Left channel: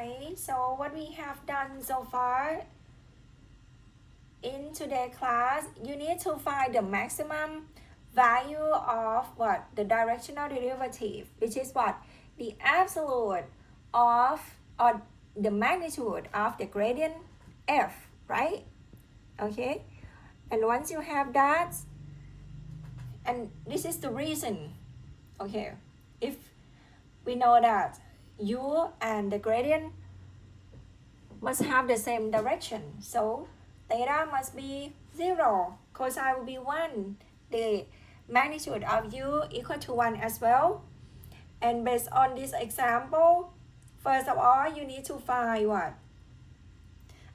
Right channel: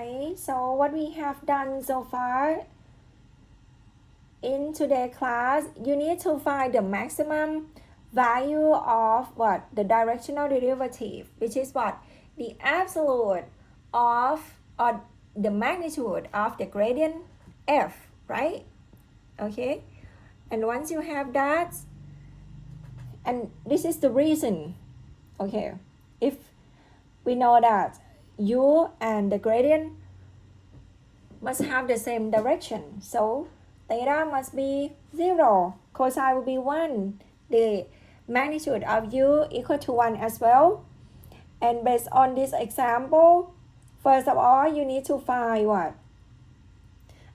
Okay, so what we have done so far in today's class, you need to find the maximum value of what? The directional derivative, which is what? The absolute of or the magnitude of the gradient f, right? Okay, and once you have that, and this is the reason, okay, if we know that u and the gradient must have the same direction, so theta must be 0, cosine will be 1, the magnitude of u equal to 1 as well. And based on this example, first of all, you need to find what?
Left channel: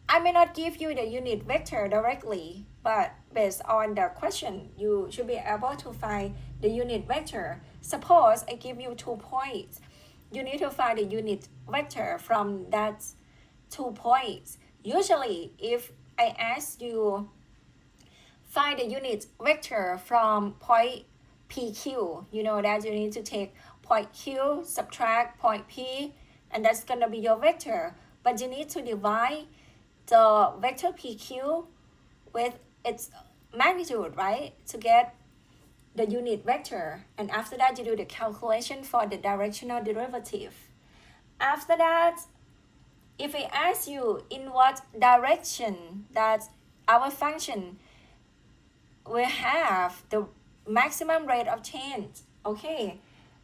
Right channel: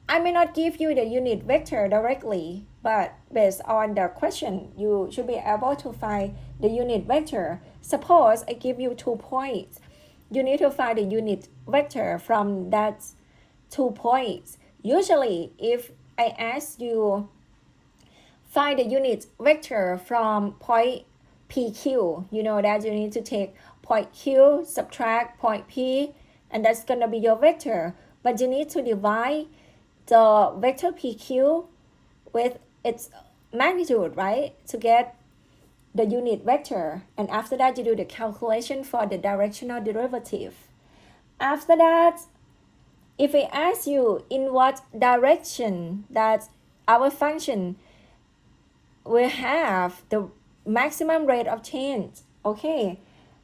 I may not give you the unit vector directly, but based on the question, you should be able to find the unit vector. Suppose I give you 2 points. You need to find the unit vector from that 2 points. Usually, if I ask you find the unit vector from point PQ, you know that you need to take point Q, subtract point P, and that's gonna be your vector. But you need to divide the vector PQ with its magnitude, right? To get the unit vector. And after that, you do the calculation for the directional derivative. After that, if I ask you in what direction that our function will have the maximum rate of change, okay,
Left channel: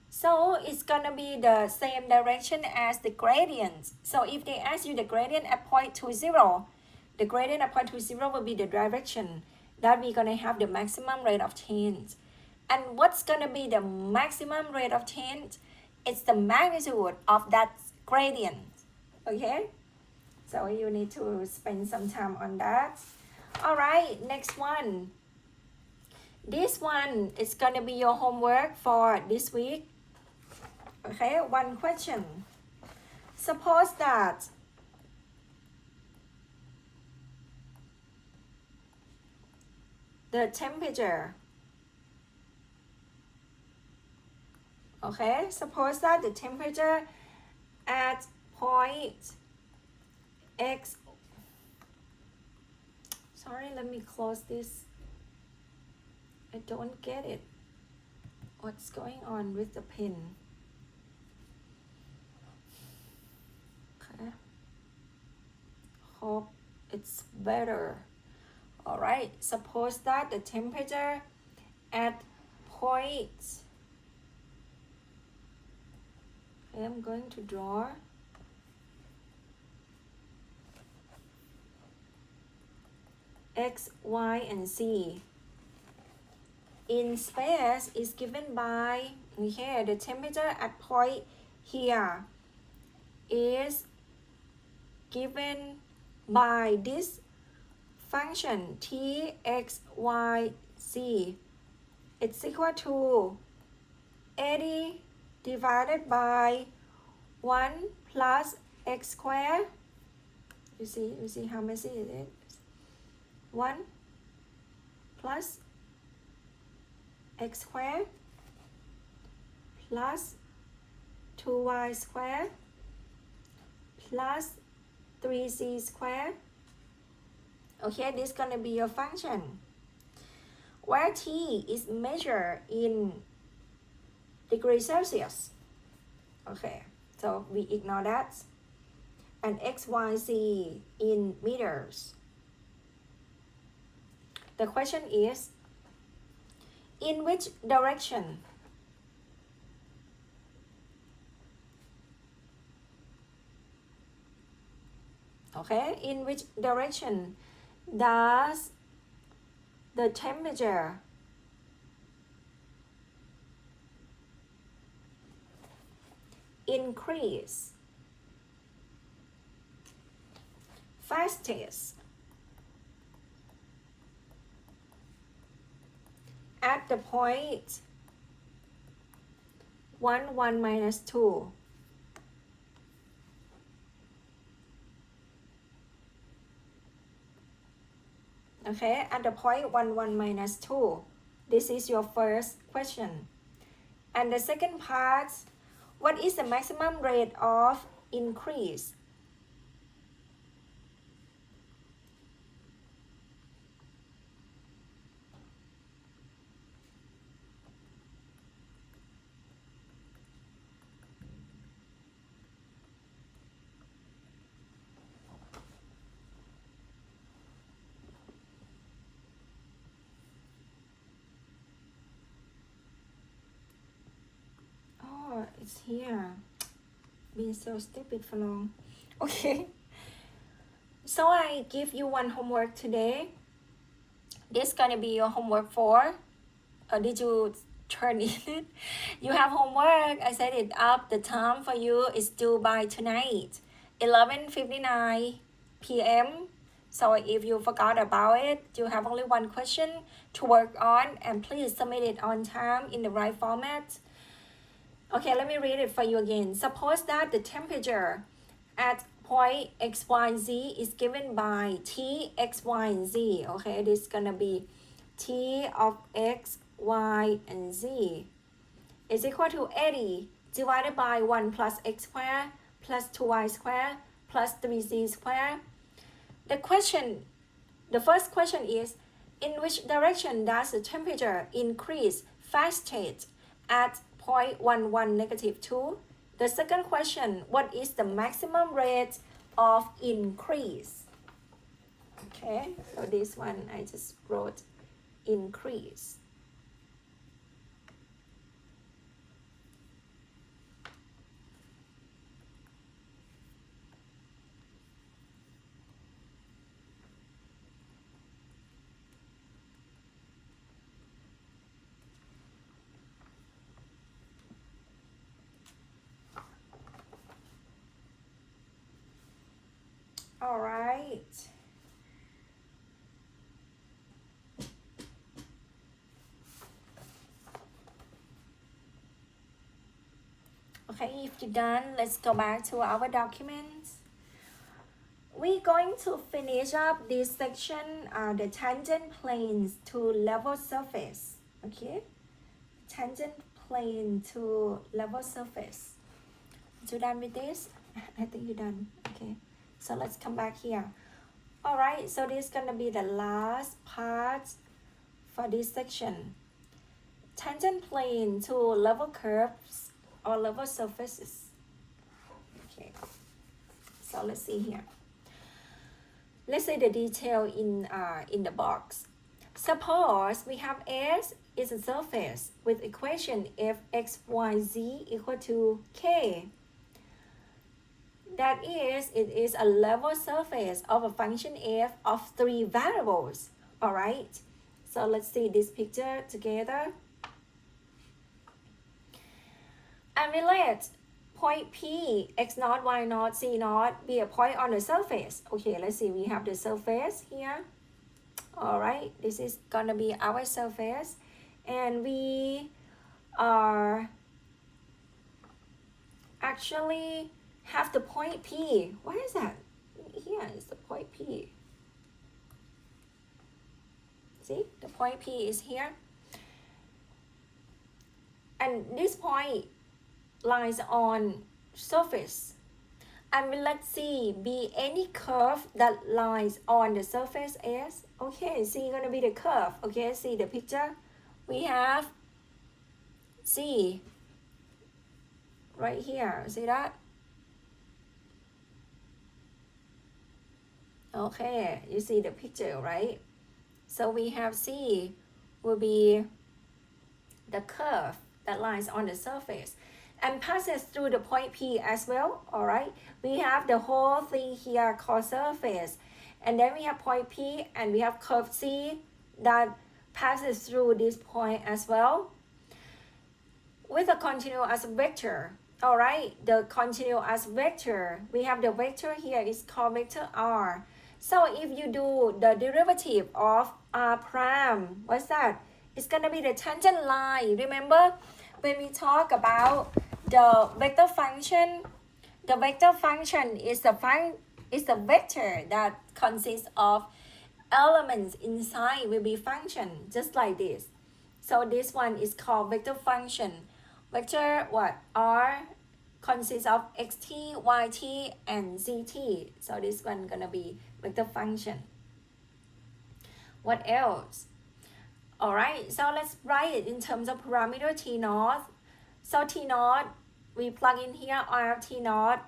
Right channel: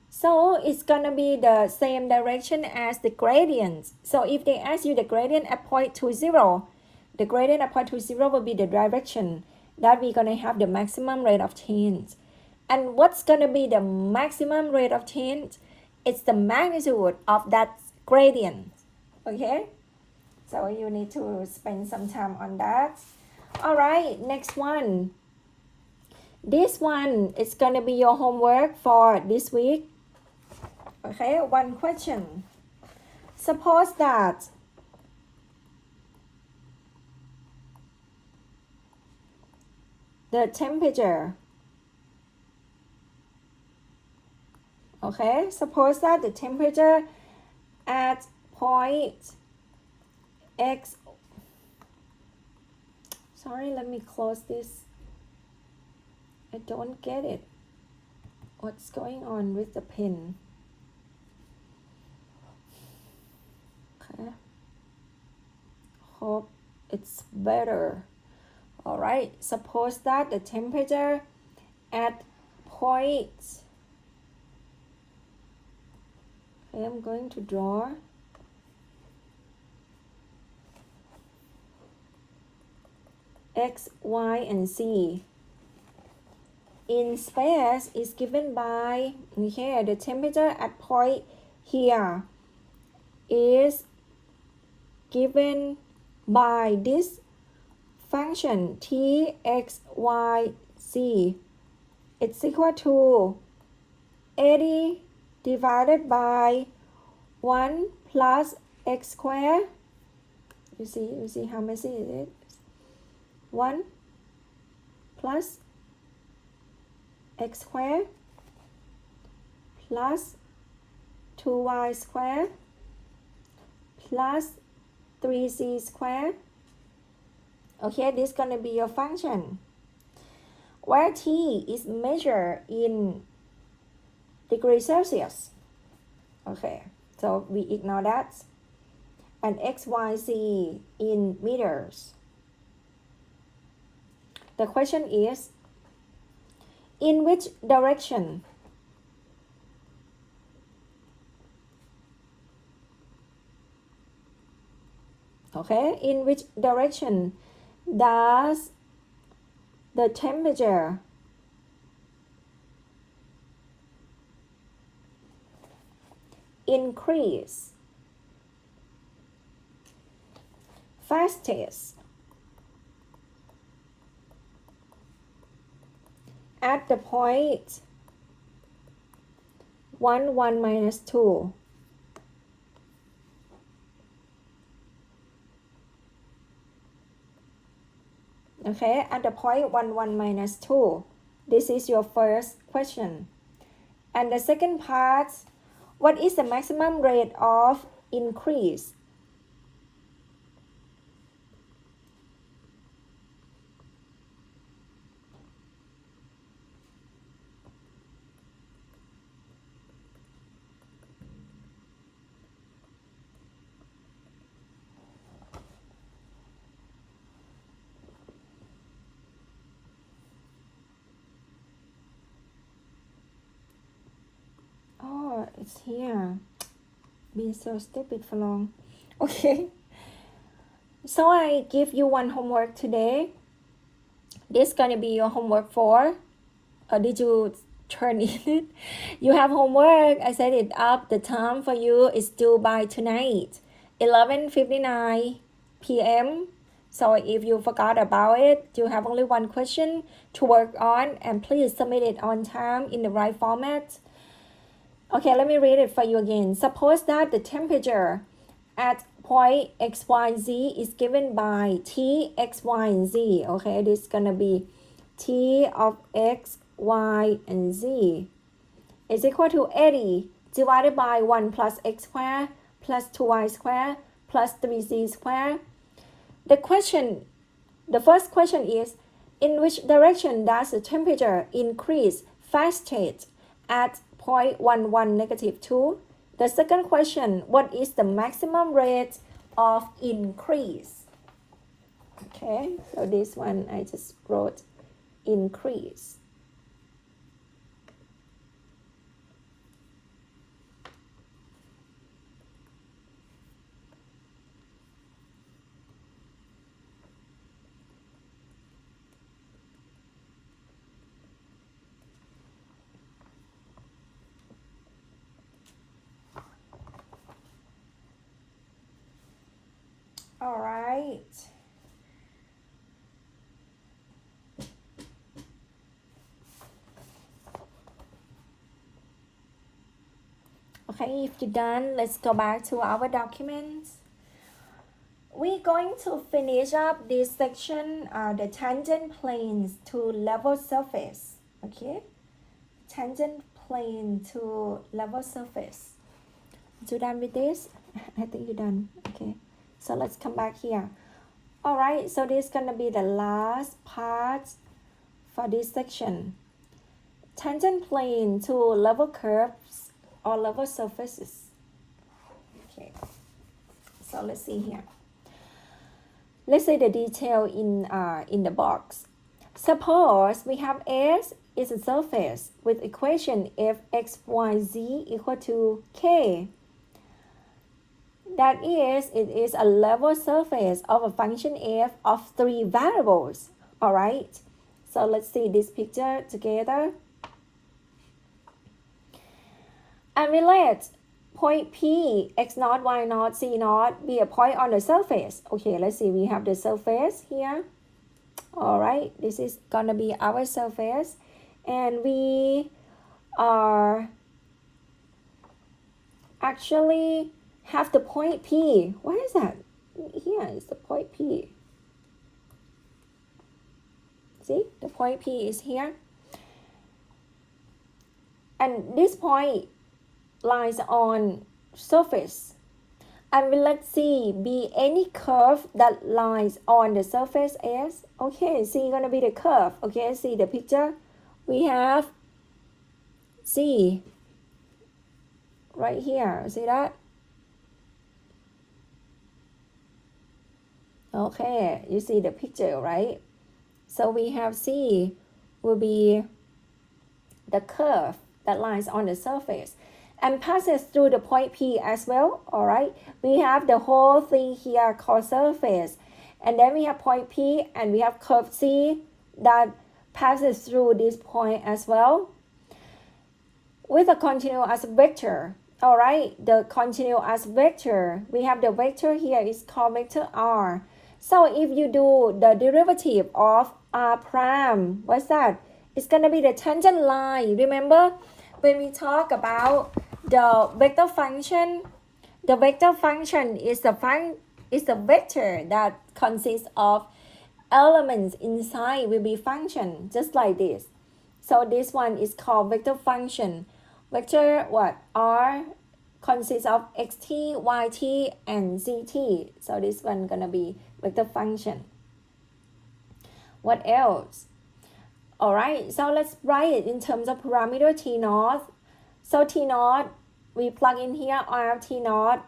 so it's gonna be the same direction as the gradient. So if they ask you the gradient at point 2, 0, the gradient at point 2, 0 will be the direction that we're gonna have the maximum rate of change. And what's gonna be the maximum rate of change? It's the magnitude of that gradient, okay? So you need to spend some time on that. All right, next one. This one is gonna be your homework for this week. Okay, one question. Suppose that the temperature, okay, suppose that the temperature at point X, sorry, let me close this. I don't get it. What's going on with the pen? Okay. Hope it's better. All right. Suppose that the temperature at point, okay, I'm going to draw X, Y, and Z. In space is given by, here the temperature at point here is given by this function t, x, y, z. It's equal to 80 divided by 1 plus x squared. You see how messy it is? 1 plus x squared plus 2y squared plus 3z squared. Okay, this is going to be your function, where t is measured in degrees Celsius. Okay, so we ignore that. And x, y, z in meters. The question is, in which direction? Okay, in which direction does the temperature increase fastest? At the point 1, 1 minus 2. Okay, at the point 1, 1 minus 2. This is your first question. And the second part, what is the maximum rate of increase what is here? Been so stupid for long. Okay. So I give you one homework today. This gonna be your homework for. Did you turn in? You have homework. I set it up. The time for you is due by tonight, 11:59 p.m. So if you forgot about it, you have only one question to work on, and please submit it on time in the right format. Okay, let me read it for you again. Suppose that the temperature at point x, y, z is given by T, x, y, and z. Okay, this is gonna be T of x, y, and z is equal to 80 divided by 1 plus x squared plus 2y squared plus 3z squared. The first question is, in which direction does the temperature increase fastest at 0.11 negative 2? The second question, what is the maximum rate of increase? Okay, so this one I just wrote increase. All right. Okay, if you're done, let's go back to our documents. We're going to finish up this section, the tangent planes to level surface. Okay, tangent plane to level surface. You done with this? I think you're done. Okay, so let's come back here. All right, so this is gonna be the last part for this section. Tangent plane to level curves or level surfaces. Okay, so let's see here. Let's say the detail in the box. Suppose we have S is a surface with equation f x, y, z equal to k. That is, it is a level surface of a function f of 3 variables. All right, so let's see this picture together. And we let point P, x naught, y naught, z naught be a point on the surface. Okay, let's see, we have the surface here. All right, this is gonna be our surface. And we are actually have the point P. What is that? Here is the point P. See, the point P is here. And this point lies on surface. And will let C be any curve that lies on the surface S. Okay, C is gonna be the curve. Okay, see the picture. We have C right here. See that? Okay, you see the picture, right? So we have C will be the curve that lies on the surface and passes through the point P as well. All right, we have the whole thing here called surface, and then we have point P and we have curve C that passes through this point as well with a continuous vector. All right, the continuous vector, we have the vector here is called vector R. So if you do the derivative of R prime, what's that? It's gonna be the tangent line. Remember when we talk about the vector function, the vector function is the vector that consists of elements inside will be function, just like this. So this one is called vector function. Vector what? R consists of xt, yt, and zt. So this one gonna be vector function. What else? All right, so let's write it in terms of parameter t naught. So t naught, we plug in here r of t naught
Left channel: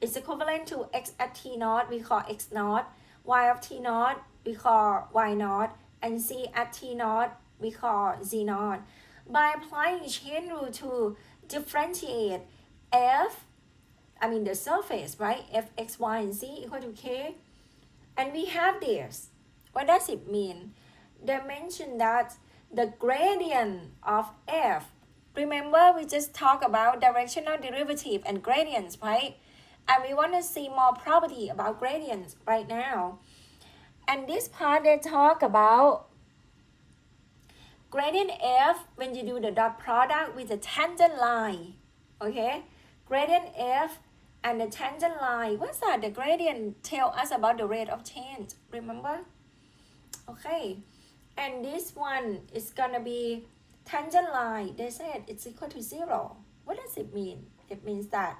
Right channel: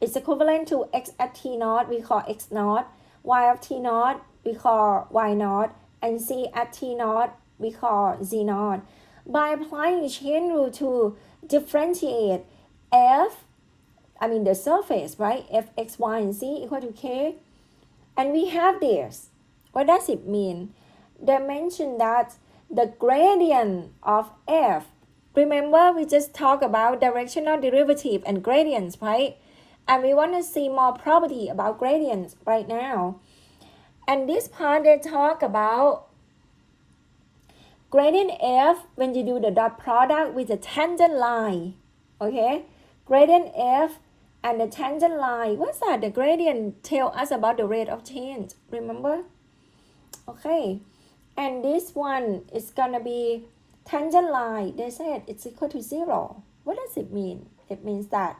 is equivalent to x at t naught, we call x naught, y of t naught, we call y naught, and z at t naught, we call z naught. by applying chain rule to differentiate the surface, right? F, X, Y, and Z equal to K. And we have this. What does it mean? They mentioned that the gradient of F, remember we just talked about directional derivative and gradients, right? And we want to see more property about gradients right now. And this part they talk about gradient F when you do the dot product with the tangent line. Okay? Gradient F and the tangent line. What's that? The gradient tell us about the rate of change. Remember? Okay. And this one is gonna be tangent line. They said it's equal to 0. What does it mean? It means that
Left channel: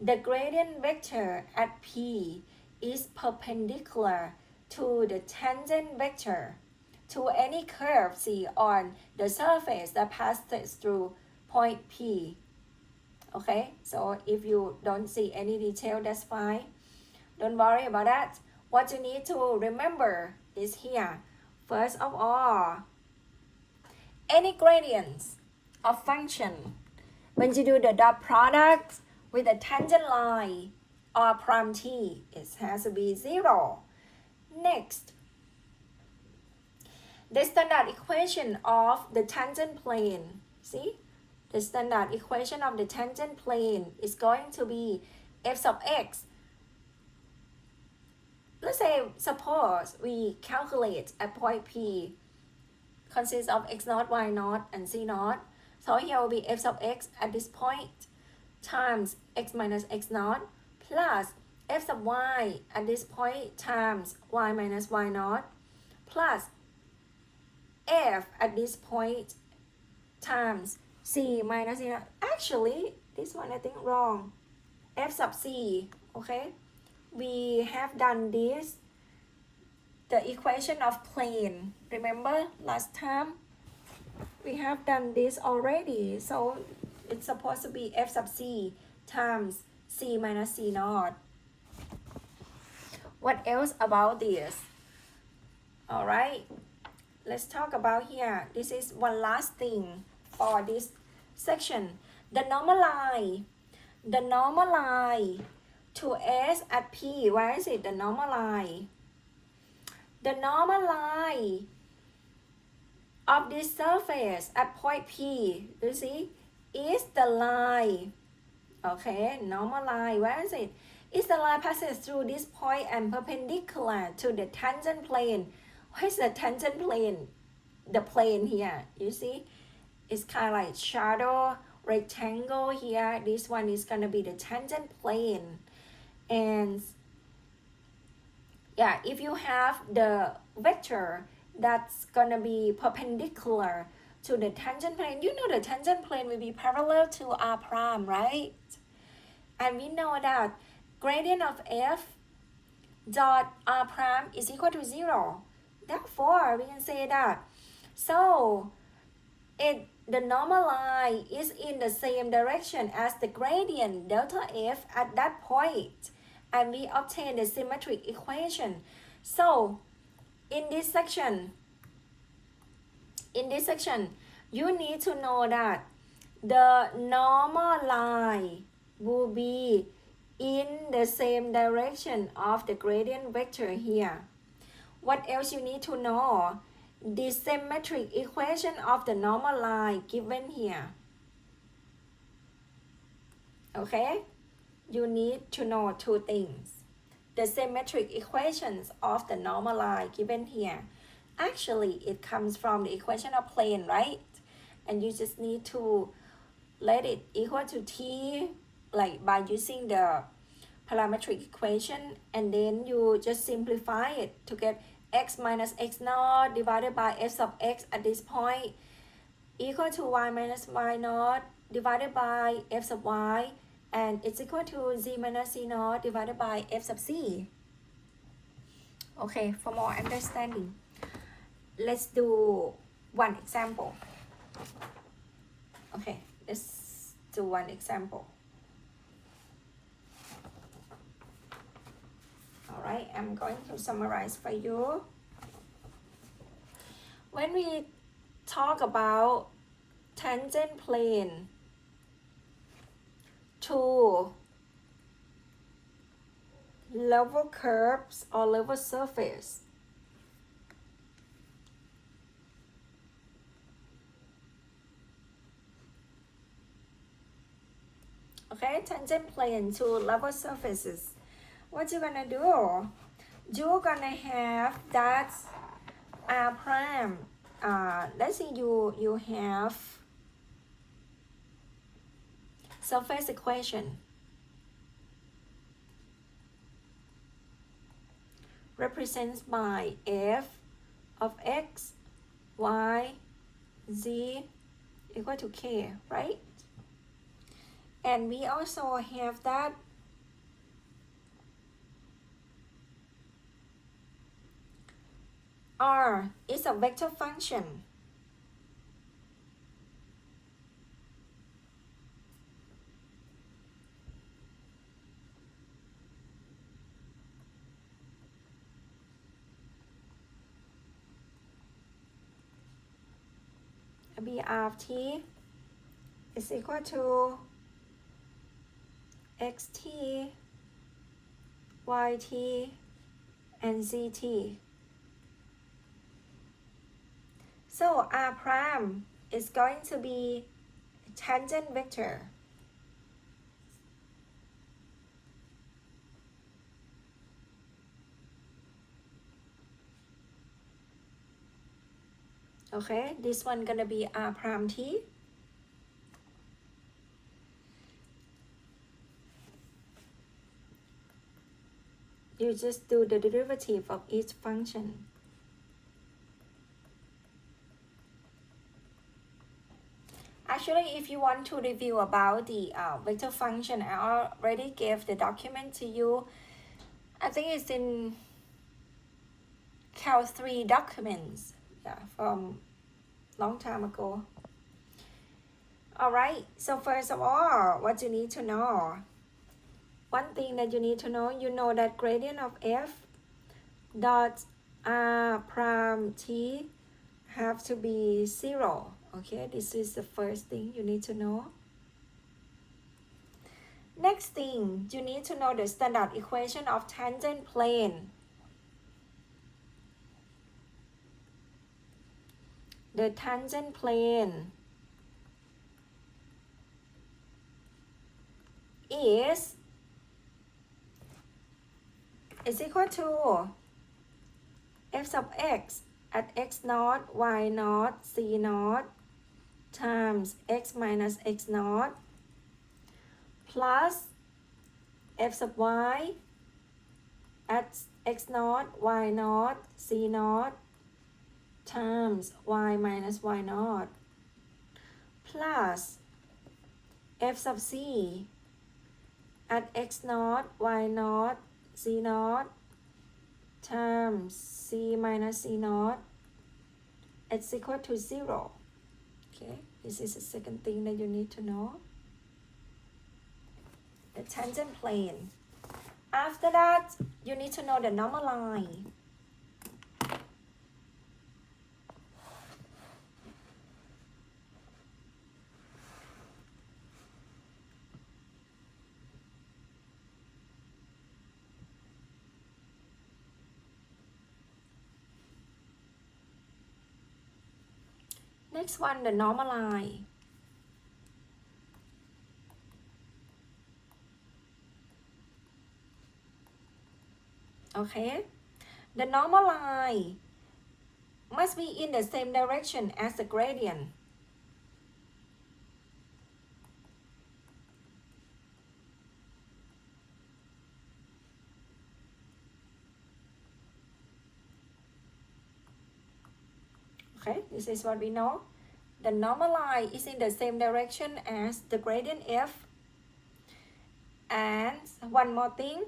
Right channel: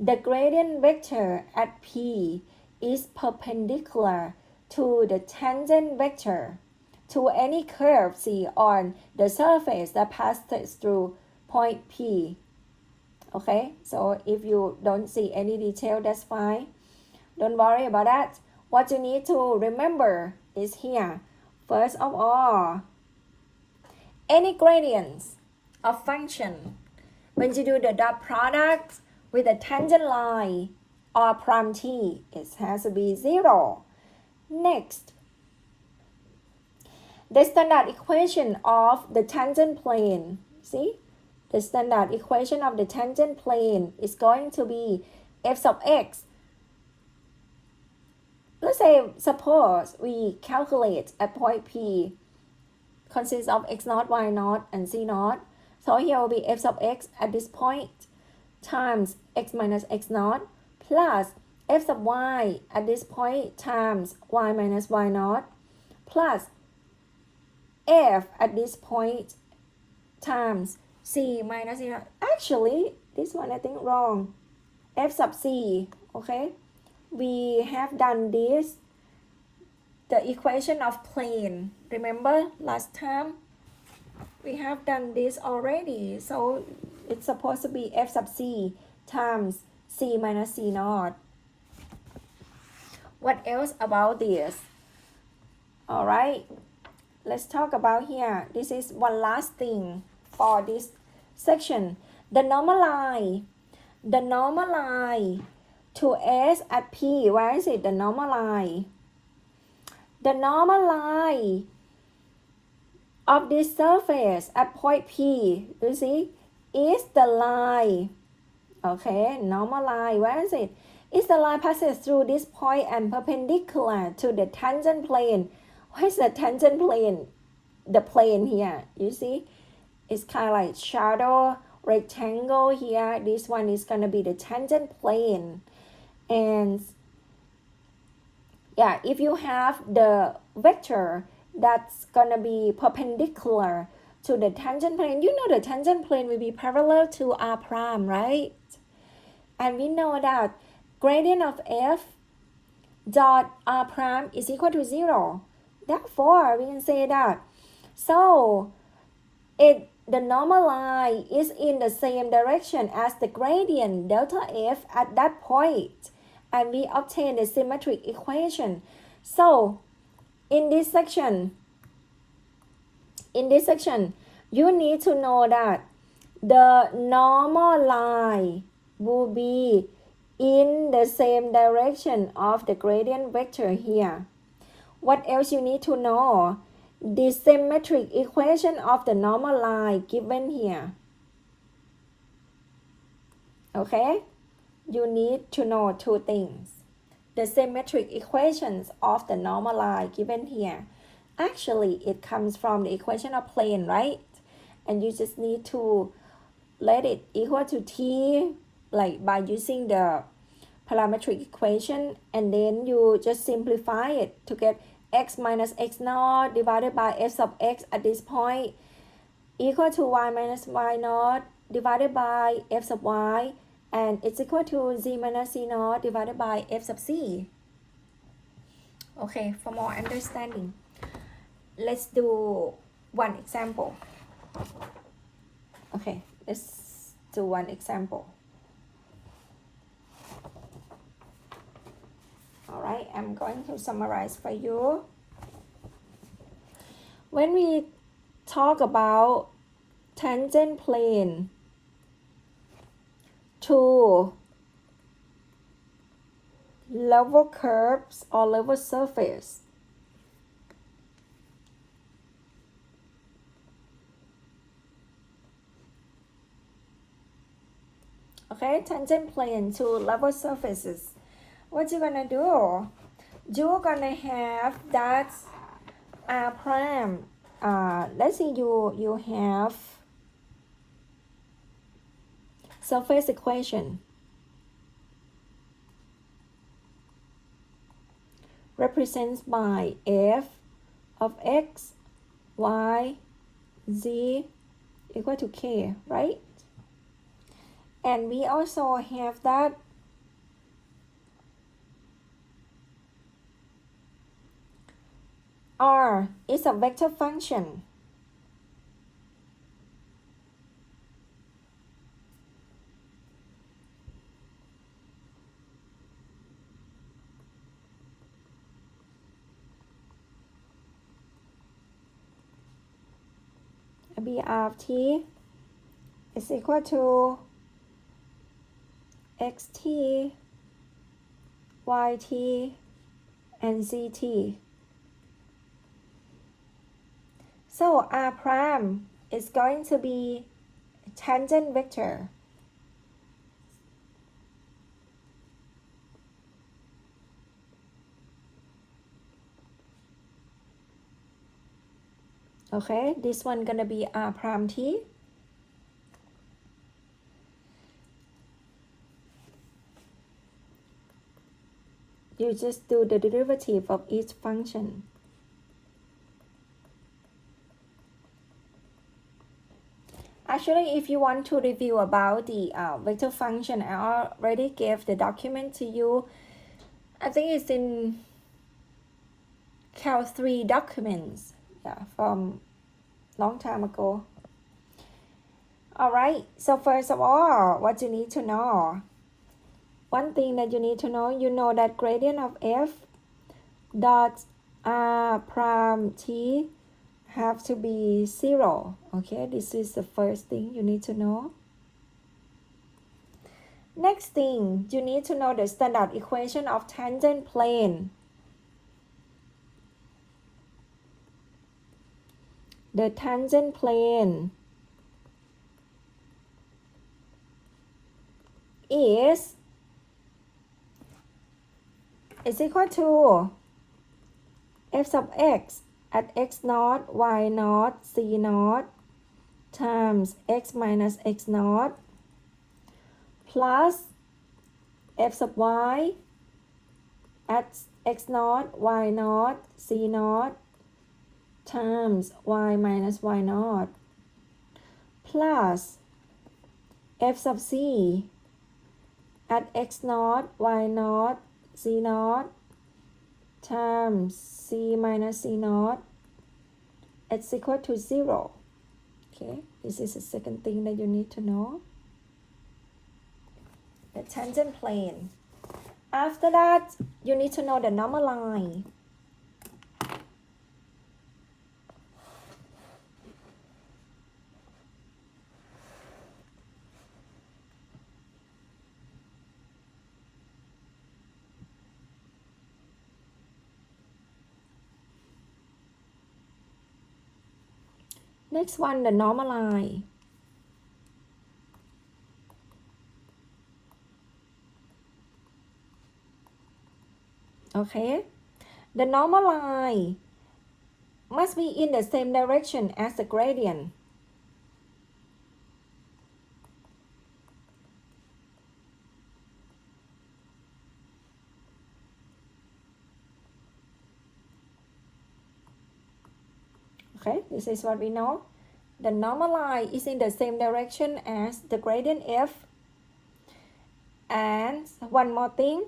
the gradient vector at P is perpendicular to the tangent vector to any curve C on the surface that passes through point P. Okay, so if you don't see any detail, that's fine. Don't worry about that. What you need to remember is here. First of all, any gradients of function, when you do the dot product with a tangent line or prime t, it has to be 0. Next, the standard equation of the tangent plane. See? The standard equation of the tangent plane is going to be f sub x. Let's say, suppose we calculate at point P consists of x naught, y naught, and z naught. So here will be f sub x at this point times x minus x naught plus f sub y at this point times y minus y naught plus f at this point times c minus c naught. Actually, this one I think wrong. F sub c, okay? We have done this, the equation of plane. Remember last time? We have done this already. So it's supposed to be f sub c times c minus c naught. What else about this? Alright, let's talk about here. This is one last thing for this section. The normal line to S at P. Where is it? The normal line. The normal line of this surface at point P, you see, is the line. Okay, normal line. Where is it? It's the line passes through this point and perpendicular to the tangent plane. What is the tangent plane? The plane here, you see, it's kind of like shadow rectangle here. This one is gonna be the tangent plane. And yeah, if you have the vector that's gonna be perpendicular to the tangent plane, you know the tangent plane will be parallel to r prime, right? And we know that gradient of f dot r prime is equal to 0. Therefore, we can say that so the normal line is in the same direction as the gradient delta f at that point, and we obtain the symmetric equation. So in this section, you need to know that the normal line will be in the same direction of the gradient vector here. What else you need to know? The symmetric equation of the normal line given here. Okay? You need to know two things. The symmetric equations of the normal line given here. Actually, it comes from the equation of plane, right? And you just need to let it equal to t, like by using the parametric equation, and then you just simplify it to get x minus x naught divided by f sub x at this point equal to y minus y naught divided by f sub y, and it's equal to z minus c naught divided by f sub c. Okay, for more understanding, let's do one example. Okay, let's do one example. Alright, I'm going to summarize for you. When we talk about tangent plane to level curves or level surface. Okay, tangent plane to level surfaces. What you gonna do? You're gonna have that R prime. Let's say you have surface equation represents by f of x, y, z equal to k, right? And we also have that R is a vector function. B of t is equal to xt, yt, and zt. So R prime is going to be tangent vector. Okay, this one gonna be R prime t. You just do the derivative of each function. Actually, if you want to review about the vector function, I already gave the document to you. I think it's in Cal 3 documents, yeah, from long time ago. Alright, so first of all, what you need to know. One thing that you need to know, you know that gradient of f dot R prime t have to be 0. Okay, this is the first thing you need to know. Next thing, you need to know the standard equation of tangent plane. The tangent plane is equal to f sub x at x naught, y naught, z naught times x minus x naught plus f sub y at x naught, y naught, z naught times y minus y naught plus f sub c at x naught, y naught, z naught times c minus c naught is equal to 0. Okay, this is the second thing that you need to know. The tangent plane. After that, you need to know the normal line. Next one, the normal line. Okay, the normal line must be in the same direction as the gradient. Okay, this is what we know. The normal line is in the same direction as the gradient f. And one more thing,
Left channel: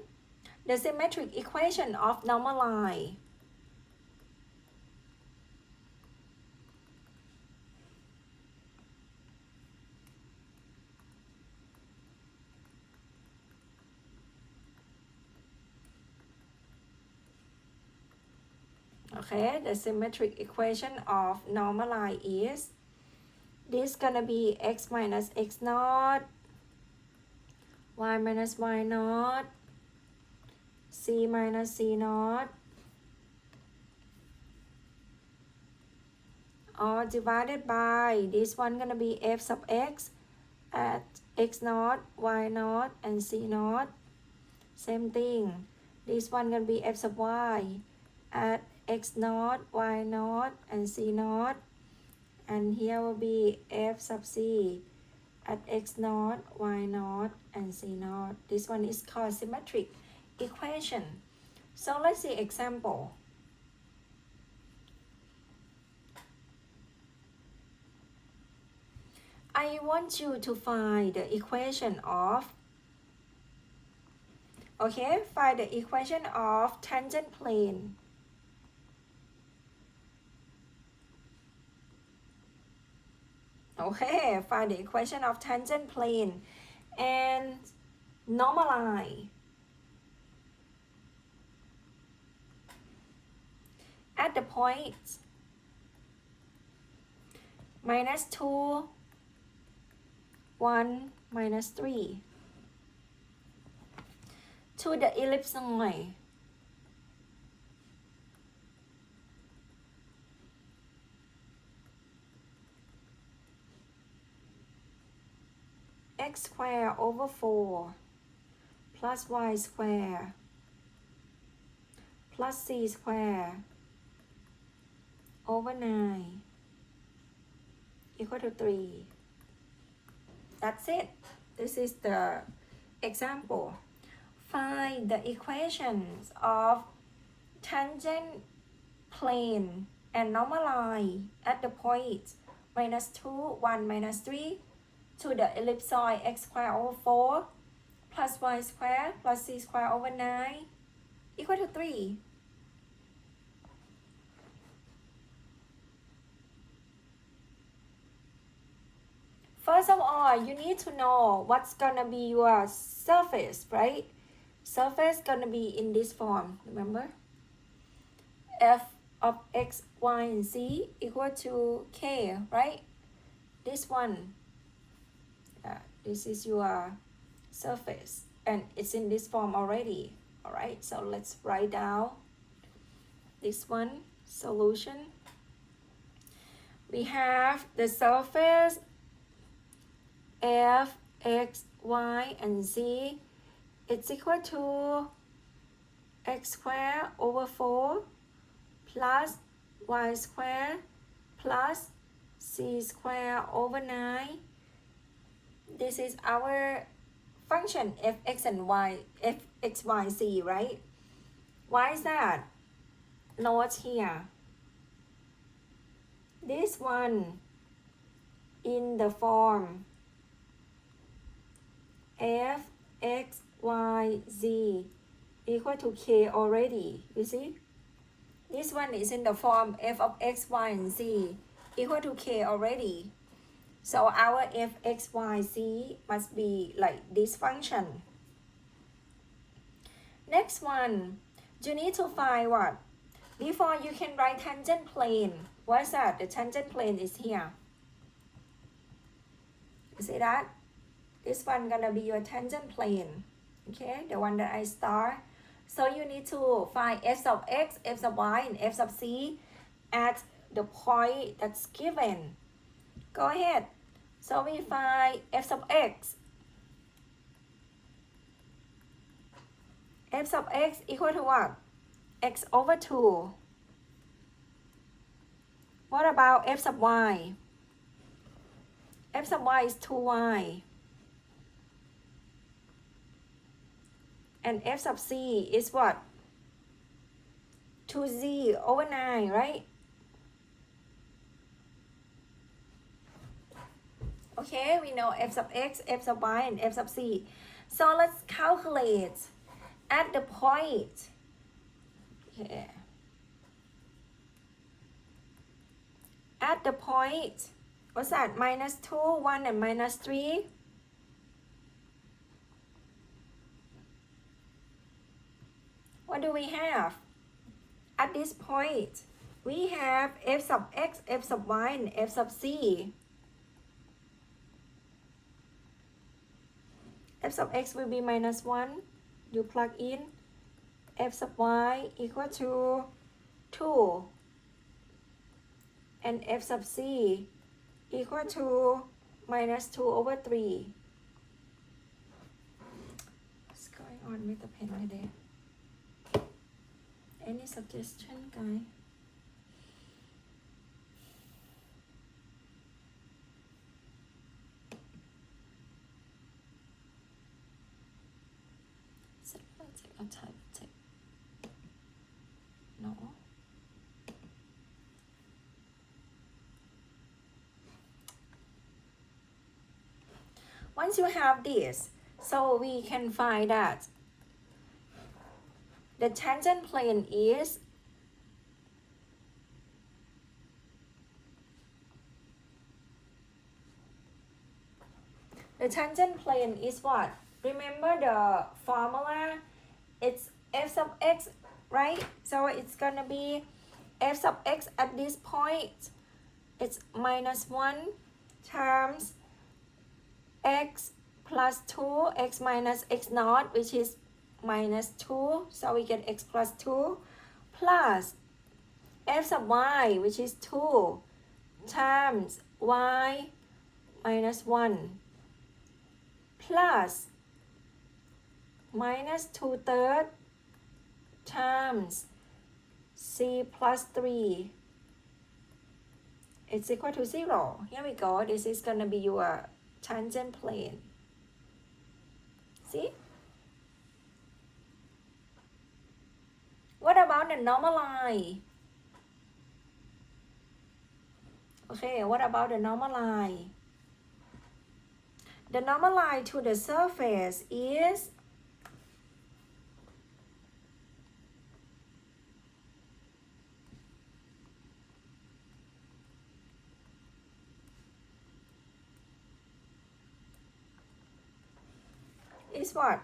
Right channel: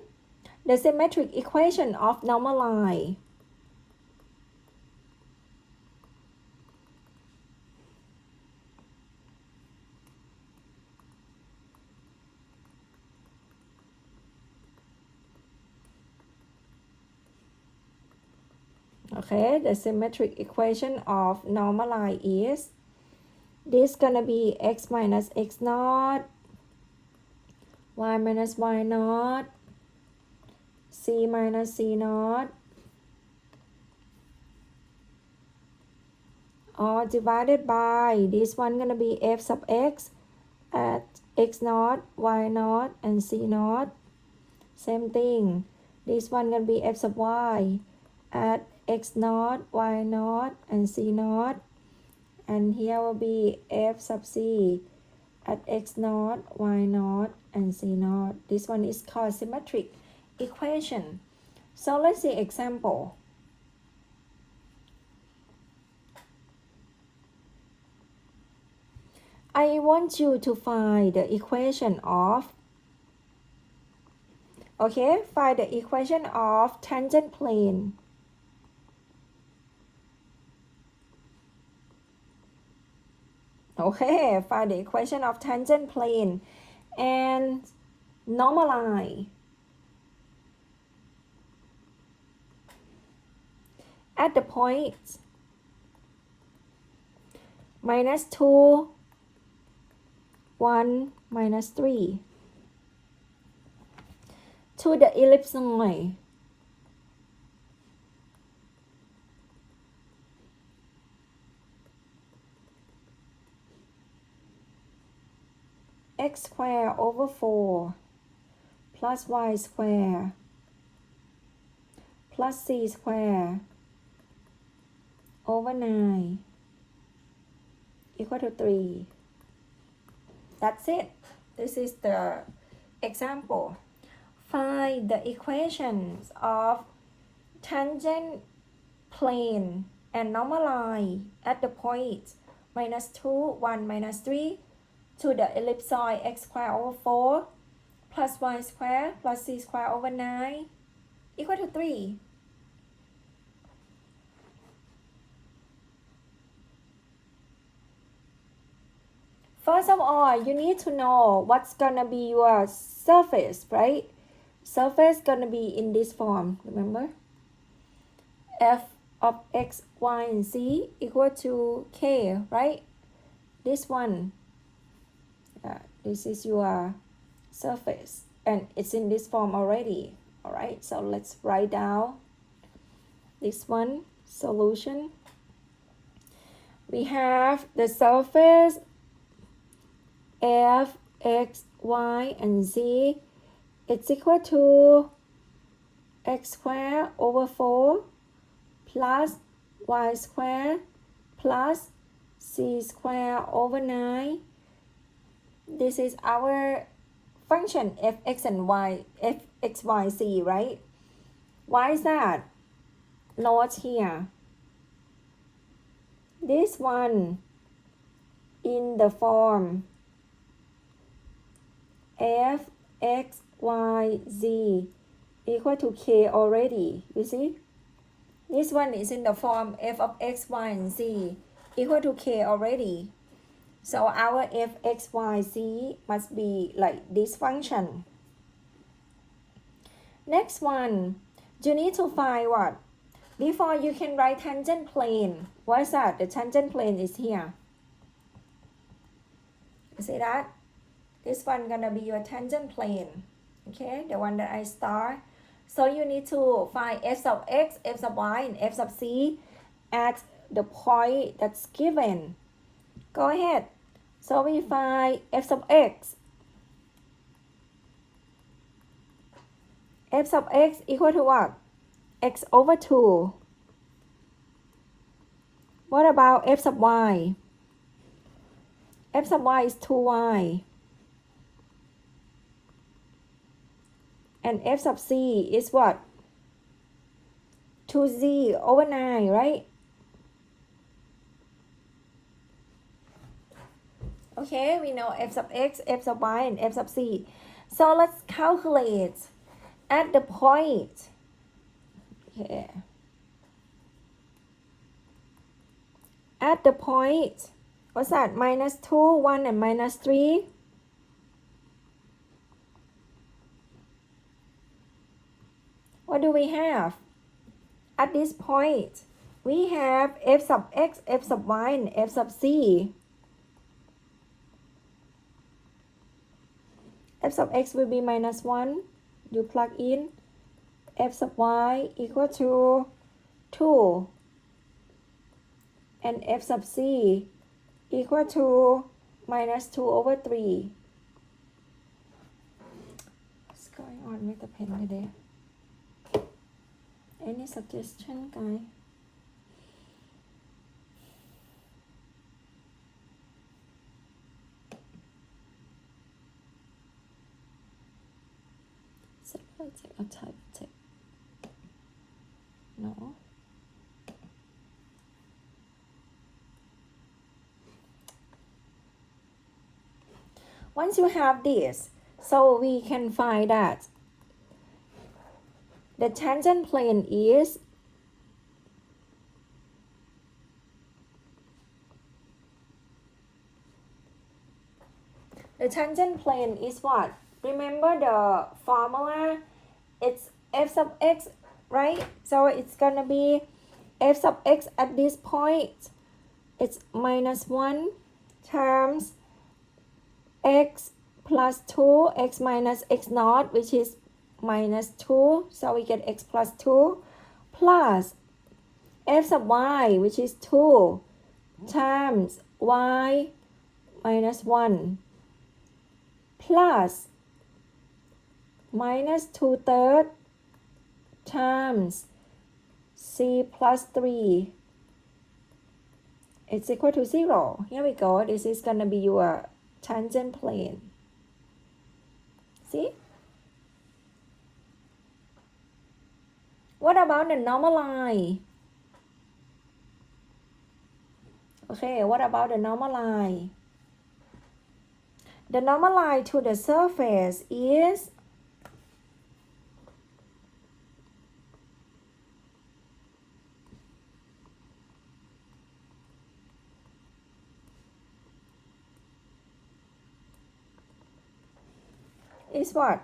the symmetric equation of normal line. Okay, the symmetric equation of normal line is this gonna be x minus x naught, y minus y naught, c minus c naught, all divided by this one gonna be f sub x at x naught, y naught, and c naught. Same thing, this one gonna be f sub y at x naught, y naught, and c naught. And here will be f sub c at x naught, y naught, and c naught. This one is called symmetric equation. So let's see example. I want you to find the equation of, okay, find the equation of tangent plane. Okay, find the equation of tangent plane and normalize at the point minus 2, 1, minus 3 to the ellipsoid x squared over 4 plus y squared plus c squared over 9 equal to 3. That's it. This is the example. Find the equations of tangent plane and normalize at the point minus 2, 1, minus 3 to the ellipsoid x squared over 4 plus y squared plus c squared over 9 equal to 3. First of all, you need to know what's gonna be your surface, right? Surface gonna be in this form, remember? F of x, y, and z equal to k, right? This one, this is your surface, and it's in this form already. All right, so let's write down this one, solution. We have the surface f, x, y, and z. It's equal to x squared over 4 plus y squared plus c squared over 9. This is our function f, x, and y, f, x, y, z, right? Why is that? Note here. This one in the form f, x, y, z equal to k already, you see? This one is in the form f of x, y, and z equal to k already. So our f, x, y, z must be like this function. Next one, you need to find what? Before you can write tangent plane. What is that? The tangent plane is here. You see that? This one gonna be your tangent plane. Okay, the one that I start. So you need to find f sub x, f sub y, and f sub c at the point that's given. Go ahead. So we find f sub x. F sub x equal to what? X over 2. What about f sub y? F sub y is 2y. And f sub c is what? 2z over 9, right? Okay, we know f sub x, f sub y, and f sub c. So let's calculate at the point. Okay. At the point, what's that? Minus 2, 1, and minus 3. What do we have? At this point, we have f sub x, f sub y, and f sub c. f sub x will be minus 1. You plug in f sub y equal to 2 and f sub c equal to minus 2 over 3. What's going on with the pen today? Any suggestion, guys? I'll type it. No. Once you have this, so we can find that the tangent plane is what? Remember the formula? It's f sub x, right? So it's gonna be f sub x at this point. It's minus 1 times x plus 2, x minus x naught, which is minus 2. So we get x plus 2 plus f sub y, which is 2 times y minus 1 plus minus 2/3 times c plus 3. It's equal to 0. Here we go. This is going to be your tangent plane. See? What about the normal line? Okay, what about the normal line? The normal line to the surface is what?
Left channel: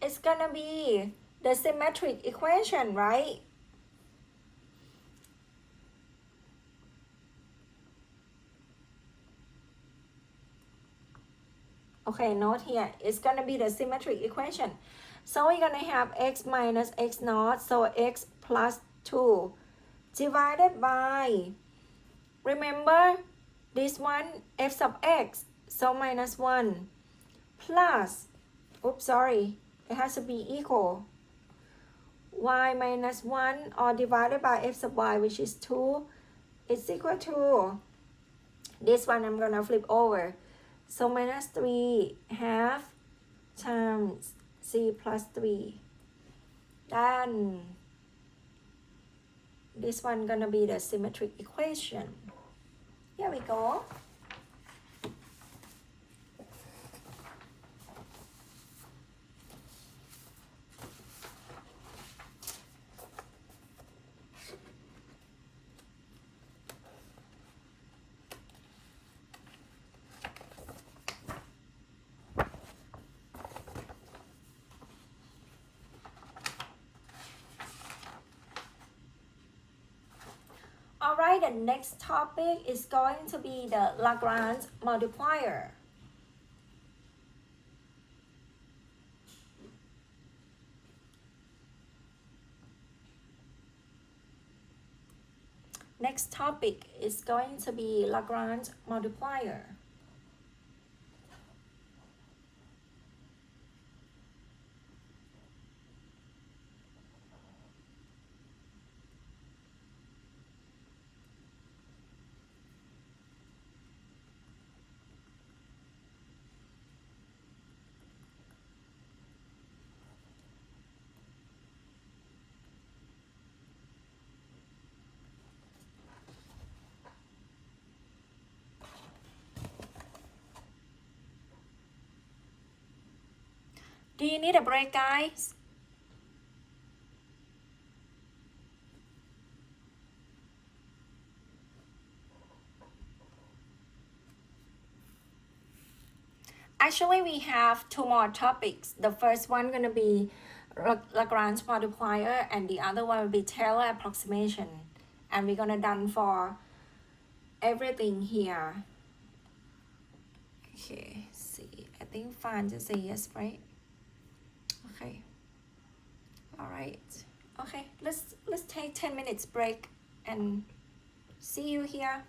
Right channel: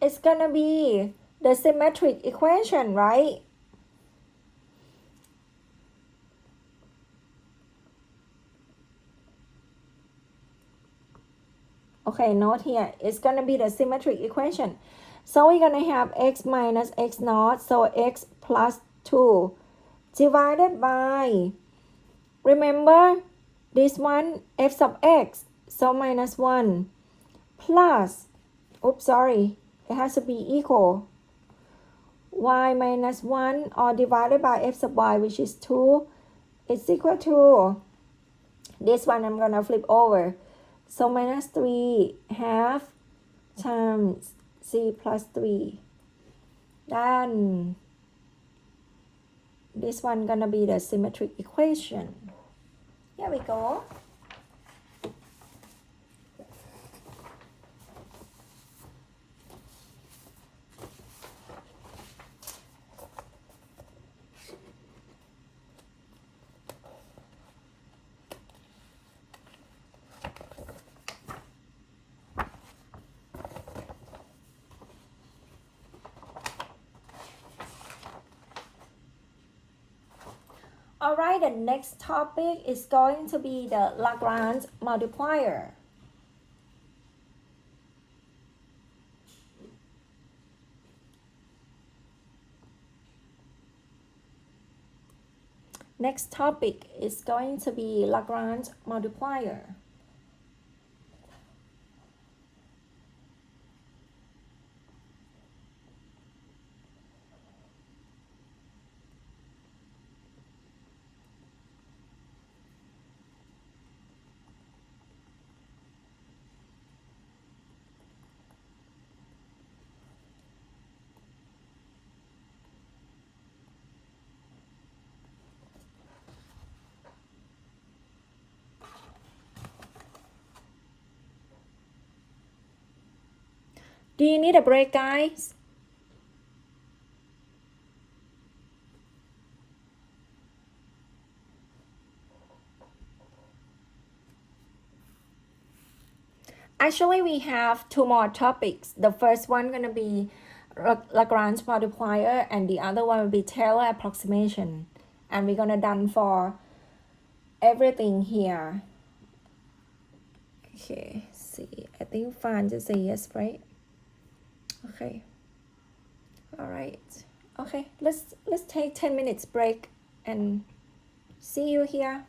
It's gonna be the symmetric equation, right? Okay, note here, it's gonna be the symmetric equation. So we're gonna have x minus x naught, so x plus 2 divided by, remember this one, f sub x, so minus 1 plus, oops, sorry, it has to be equal, y minus 1 or divided by f sub y, which is 2, is equal to, this one I'm gonna flip over. So minus 3 half times c plus 3. Then this one gonna be the symmetric equation. Here we go. Alright, the next topic is going to be the Lagrange multiplier. Next topic is going to be Lagrange multiplier. Do you need a break, guys? Actually, we have two more topics. The first one gonna be Lagrange multiplier, and the other one will be Taylor approximation. And we're gonna done for everything here. Okay, see, I think Fan just say yes, right? Okay. All right. Okay, let's take 10 minutes break and see you here.